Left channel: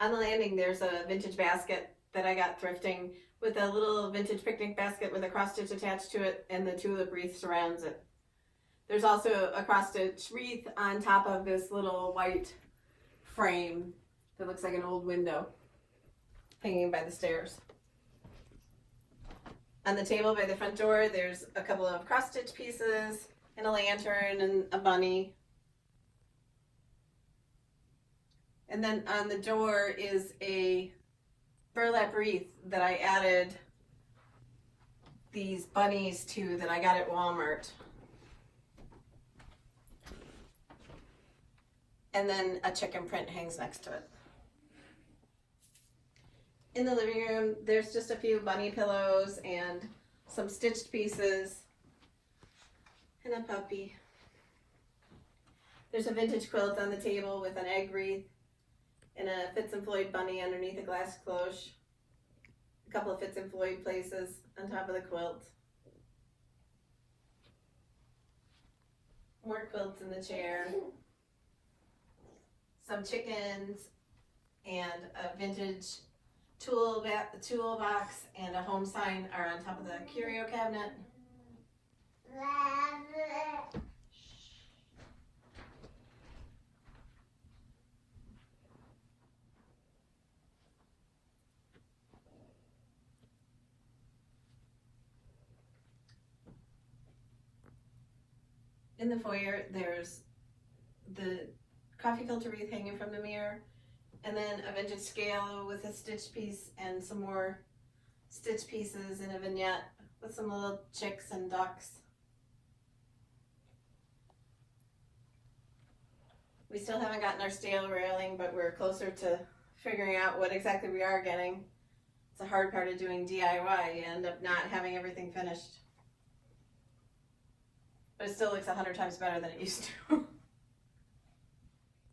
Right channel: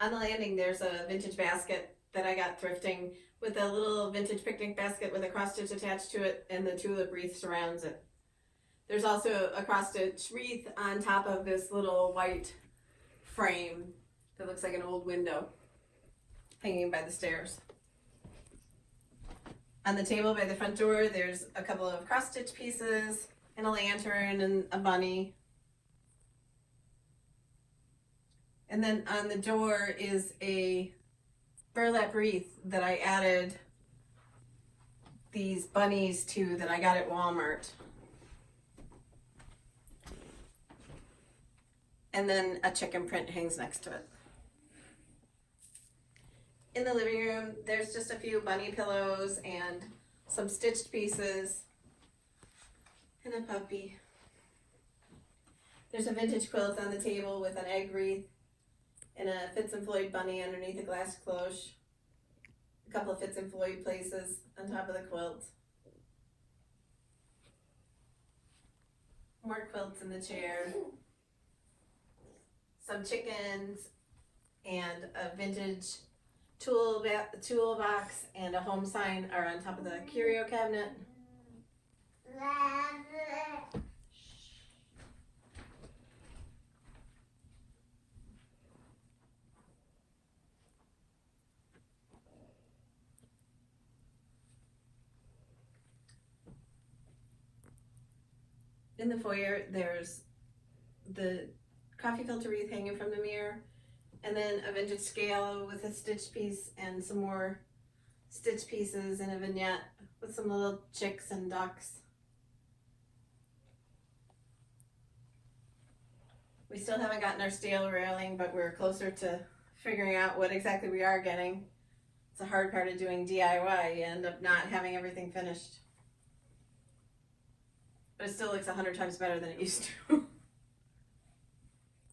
On the landing, there's a vintage basket that I got thrifting with a little vintage picnic basket with a cross stitch attached to it, and the tulip wreath surrounds it. There's also a cross stitch wreath on top of this little white frame that looks like an old window hanging by the stairs. On the table by the front door, there's a couple of cross stitch pieces and a lantern and a bunny. And then on the door is a burlap wreath that I added these bunnies to that I got at Walmart. And then a chicken print hangs next to it. In the living room, there's just a few bunny pillows and some stitched pieces and a puppy. There's a vintage quilt on the table with an egg wreath and a Fitz and Floyd bunny underneath a glass cloche. A couple of Fitz and Floyd places on top of the quilt. More quilts in the chair. Some chickens and a vintage toolbox and a home sign are on top of the curio cabinet. In the foyer, there's the coffee filter wreath hanging from the mirror, and then a vintage scale with a stitch piece and some more stitch pieces and a vignette with some little chicks and ducks. We still haven't gotten our steel railing, but we're closer to figuring out what exactly we are getting. It's a hard part of doing DIY. You end up not having everything finished. But it still looks 100 times better than it used to.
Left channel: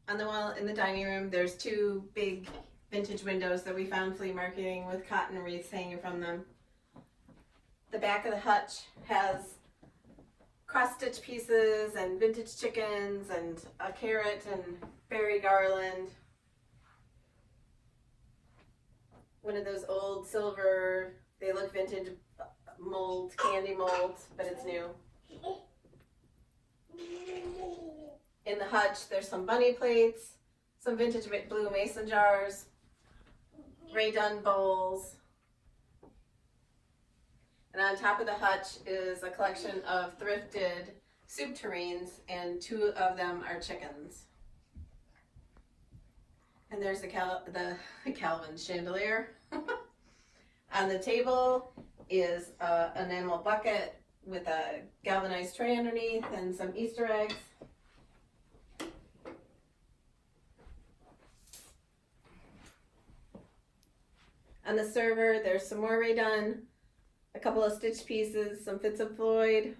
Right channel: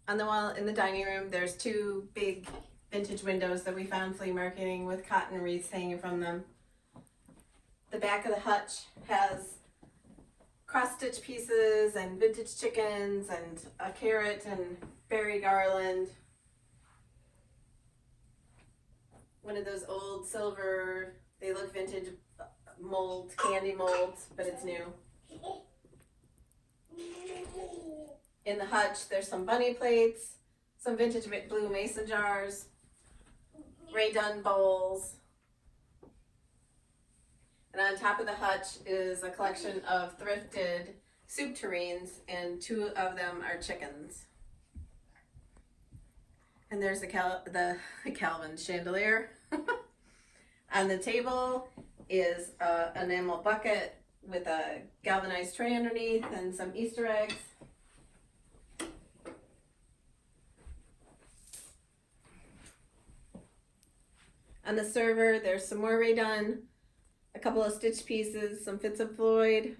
On the wall in the dining room, there's two big vintage windows that we found flea marketing with cotton wreaths hanging from them. The back of the hutch has cross-stitch pieces and vintage chickens and a carrot and berry garland. One of those old silver, they look vintage mold, candy molds, but it's new. In the hutch, there's some bunny plates, some vintage blue mason jars, Ray Dunn bowls. And on top of the hutch is a collection of thrifted soup tureens, and two of them are chickens. And there's the Calvin chandelier. On the table is an enamel bucket with a galvanized tray underneath and some Easter eggs. On the server, there's some more Ray Dunn, a couple of stitch pieces, some Fitz and Floyd,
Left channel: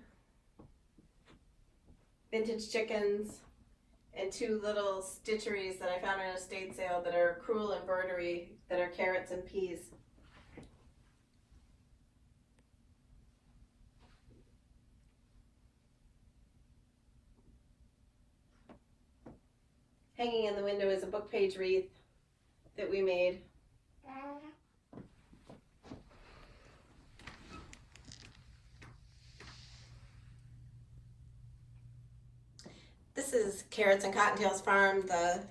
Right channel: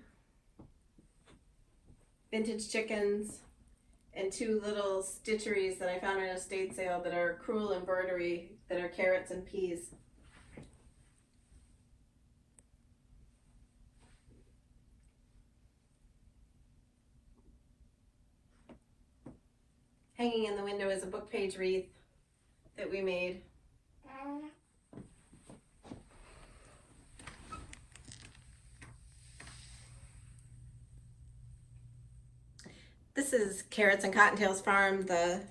vintage chickens, and two little stitcheries that I found in a estate sale that are crewel embroidery that are carrots and peas. Hanging in the window is a book page wreath that we made. This is Carrots and Cottontails Farm, the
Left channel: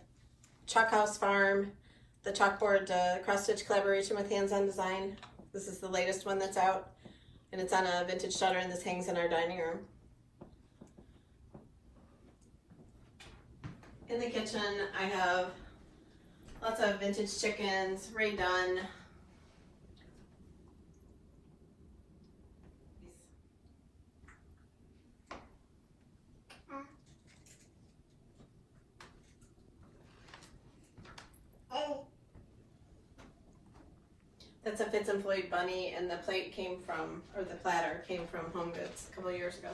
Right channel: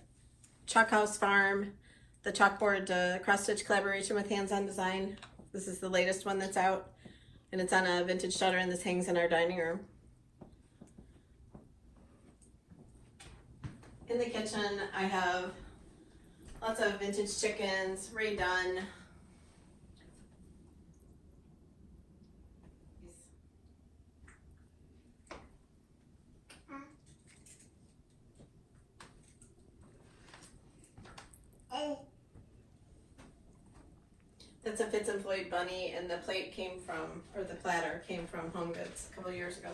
Chalk House Farm, the chalkboard cross-stitch collaboration with hands-on design. This is the latest one that's out, and it's on a vintage shutter, and this hangs in our dining room. In the kitchen, I have lots of vintage chickens, Ray Dunn. That's a Fitz and Floyd bunny, and the plate came from, or the platter came from Home Goods a couple of years ago.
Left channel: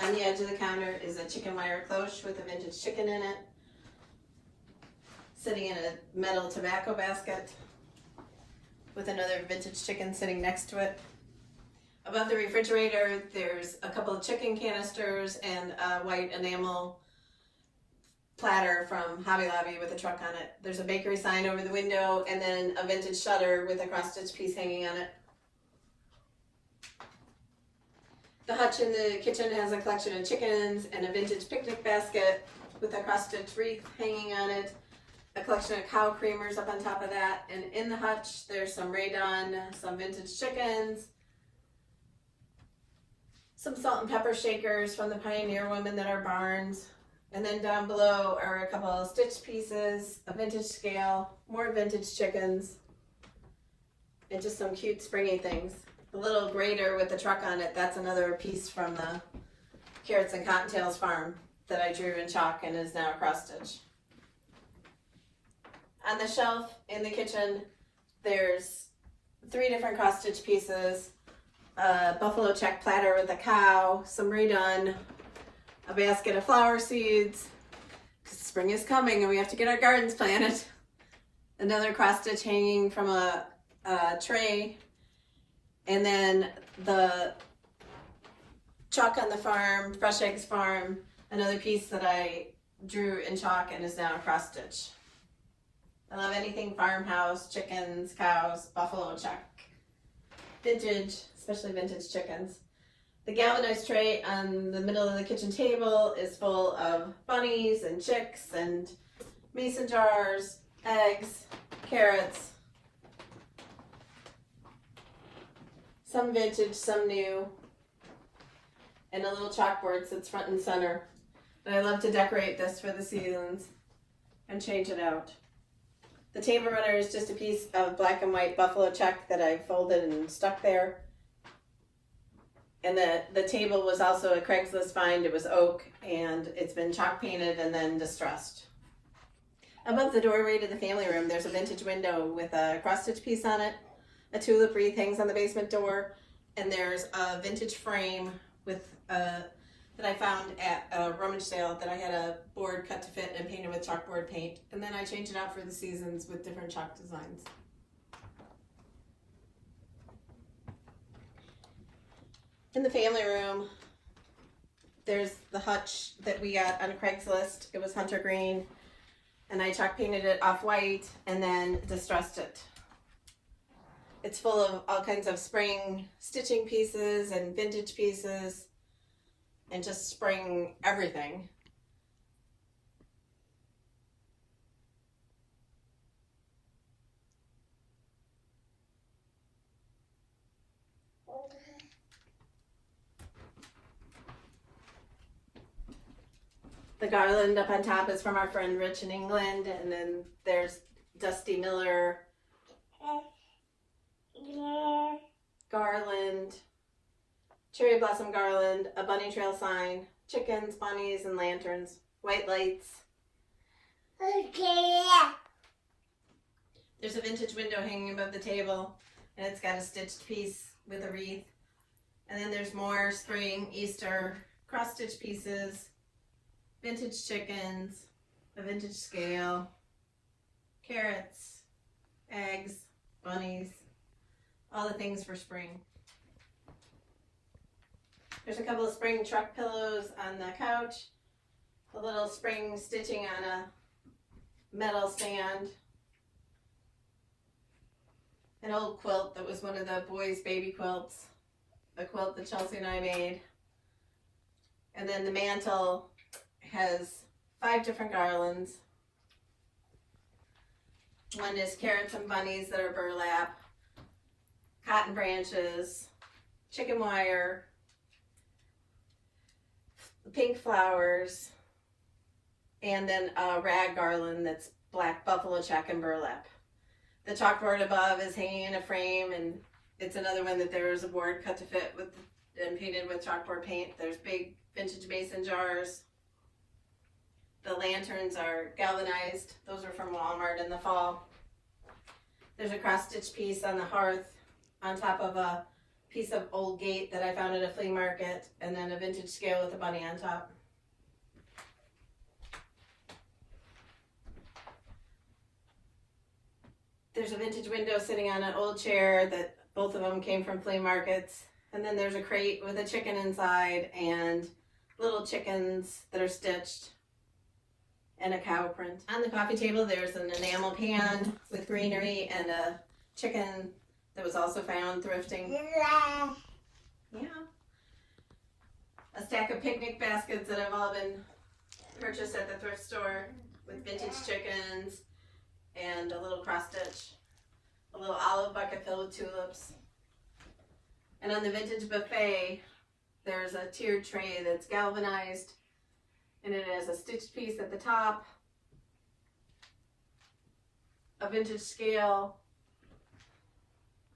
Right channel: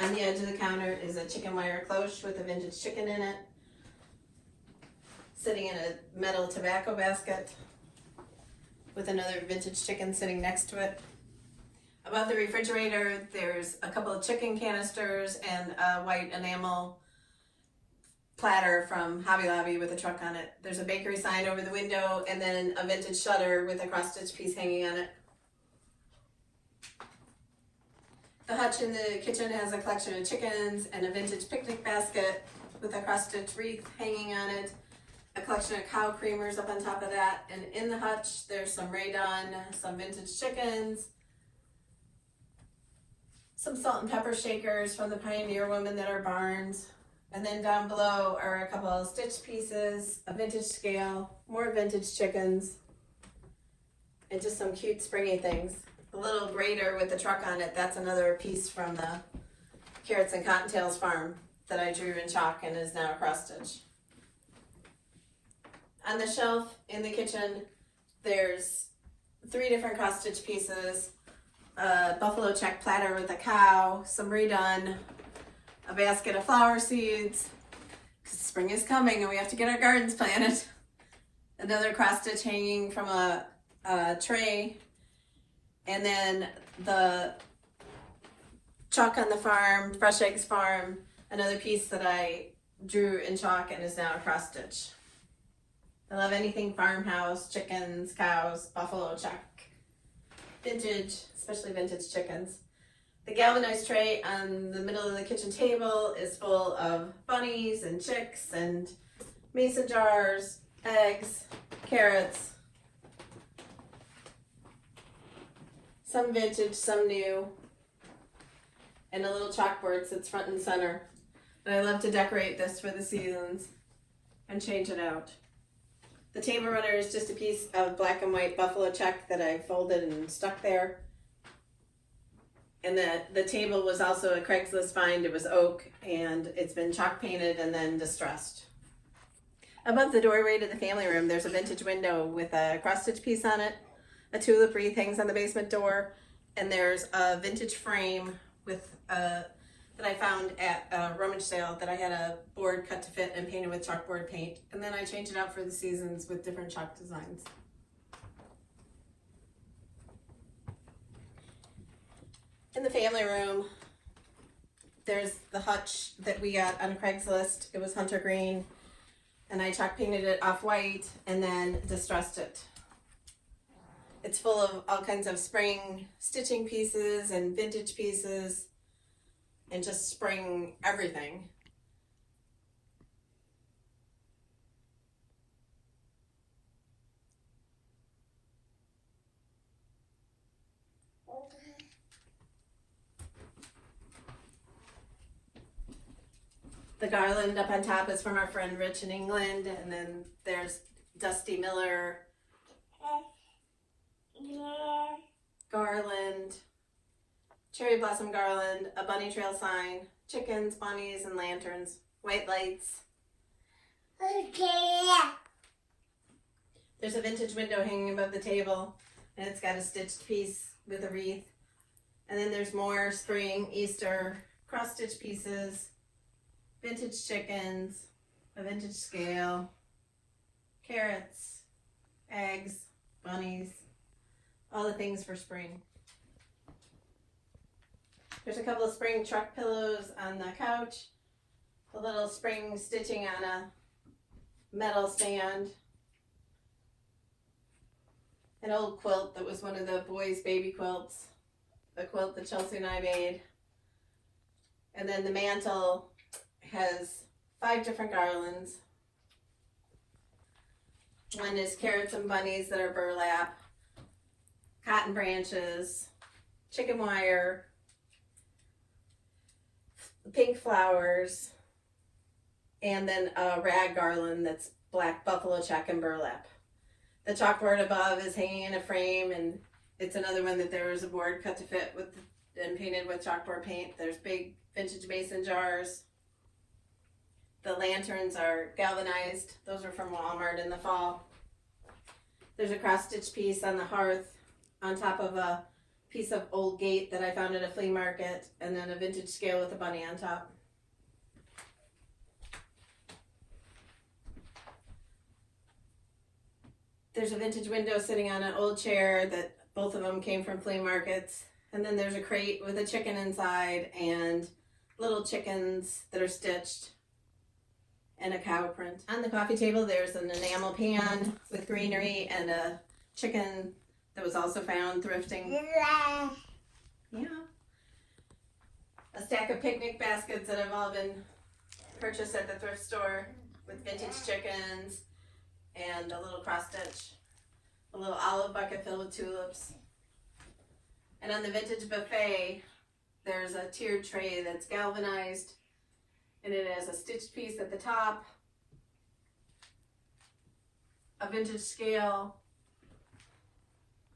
On the edge of the counter is a chicken wire cloche with a vintage chicken in it, sitting in a metal tobacco basket with another vintage chicken sitting next to it. Above the refrigerator, there's a couple of chicken canisters and a white enamel platter from Hobby Lobby with a truck on it. There's a bakery sign over the window and then a vintage shutter with a cross-stitch piece hanging on it. The hutch in the kitchen has a collection of chickens and a vintage picnic basket with a cross-stitch wreath hanging on it. A collection of cow creamers up on top of that. And in the hutch, there's some Raydon, some vintage chickens, some salt and pepper shakers from the Pioneer Women that are barns. And then down below are a couple of stitch pieces, a vintage scale, more vintage chickens, and just some cute springy things. The little grater with the truck on it, that's another piece from the Carrots and Cottontails farm that I drew in chalk and is now cross stitch. On the shelf in the kitchen, there's 3 different cross stitch pieces, a buffalo check platter with a cow, some Raydon, a basket of flower seeds, because spring is coming and we have to get our gardens planted. Another cross stitch hanging from a tray, and then the chalk on the farm, Fresh Eggs Farm, another piece that I drew in chalk and is now a cross stitch. I love anything farmhouse, chickens, cows, buffalo check, vintage, especially vintage chickens. The galvanized tray on the middle of the kitchen table is full of bunnies and chicks and mason jars, eggs, carrots, some vintage, some new, and a little chalkboard sits front and center. And I love to decorate this for the seasons and change it out. The table runner is just a piece of black and white buffalo check that I folded and stuck there. And the table was also a Craigslist find. It was oak and it's been chalk painted and then distressed. Above the doorway to the family room, there's a vintage window with a cross stitch piece on it. A tulip wreath hangs on the basement door, and there's a vintage frame with that I found at a rummage sale that I had a board cut to fit and painted with chalkboard paint. And then I changed it out for the seasons with different chalk designs. In the family room, there's the hutch that we got on Craigslist. It was hunter green, and I chalk painted it off white and then distressed it. It's full of all kinds of spring stitching pieces and vintage pieces and just spring everything. The garland up on top is from our friend Rich in England, and then there's Dusty Miller garland, cherry blossom garland, a bunny trail sign, chickens, bunnies, and lanterns, white lights. There's a vintage window hanging above the table, and it's got a stitched piece with a wreath. And then there's more spring, Easter, cross-stitch pieces, vintage chickens, a vintage scale, carrots, eggs, bunnies, all the things for spring. There's a couple of spring truck pillows on the couch, a little spring stitching on a metal stand, an old quilt that was one of the boys' baby quilts, the quilt that Chelsea and I made. And then the mantle has 5 different garlands. One is carrots and bunnies that are burlap, cotton branches, chicken wire, pink flowers, and then a rag garland that's black buffalo check and burlap. The chalkboard above is hanging in a frame, and it's another one that there was a board cut to fit with and painted with chalkboard paint. There's big vintage mason jars. The lanterns are galvanized. Those are from Walmart in the fall. There's a cross-stitch piece on the hearth on top of a piece of old gate that I found at a flea market, and then a vintage scale with a bunny on top. There's a vintage window sitting on an old chair that both of them came from flea markets, And then there's a crate with a chicken inside and little chickens that are stitched and a cow print. On the coffee table there's an enamel pan with greenery and a chicken that was also found thrifting. Yeah. A stack of picnic baskets that have all been purchased at the thrift store with vintage chickens and a little cross stitch. A little olive bucket filled with tulips. And on the vintage buffet, there's a tiered tray that's galvanized, and it has a stitched piece at the top, a vintage scale,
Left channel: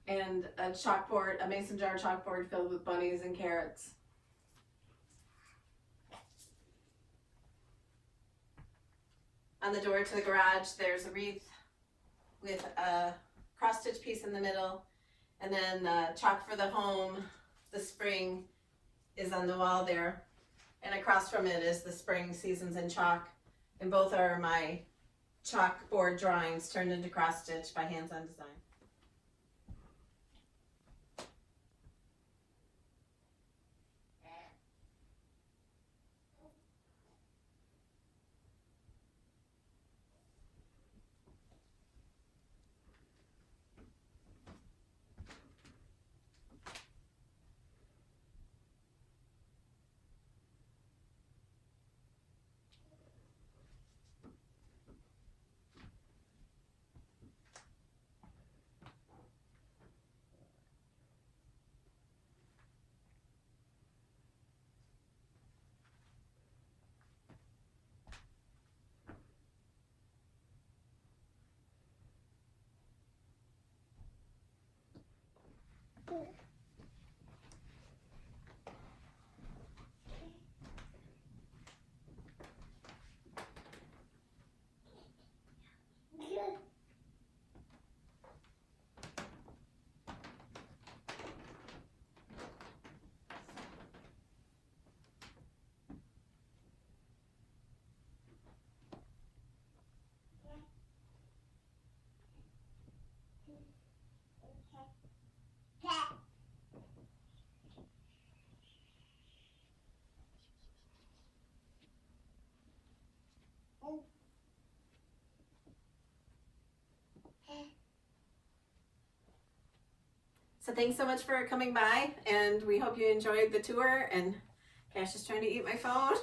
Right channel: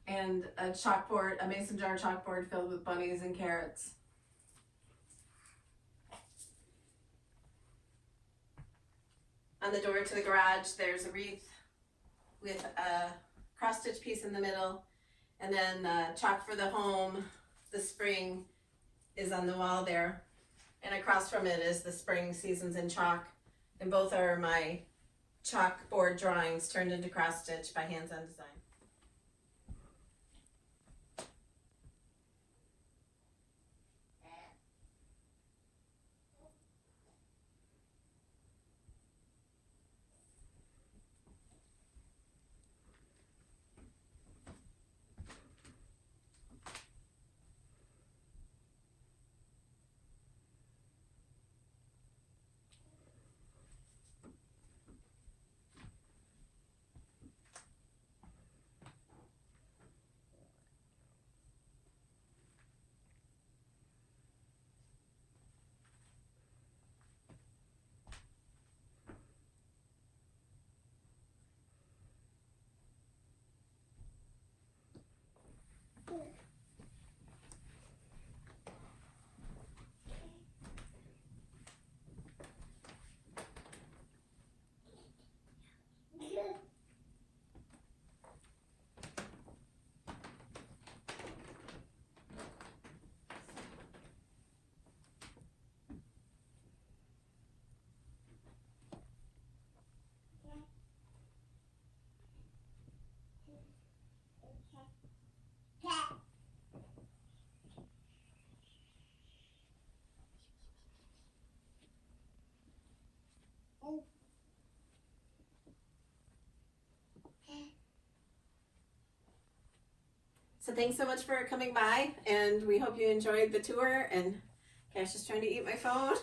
and a chalkboard, a mason jar chalkboard filled with bunnies and carrots. On the door to the garage, there's a wreath with a cross-stitch piece in the middle, and then chalk for the home. The spring is on the wall there, and across from it is the spring seasons in chalk, and both are my chalkboard drawings turned into cross-stitch by Hands-On Design. So thanks so much for coming by, and we hope you enjoyed the tour. And Cash is trying to eat my phone.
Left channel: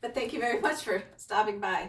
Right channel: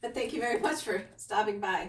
But thank you very much for stopping by.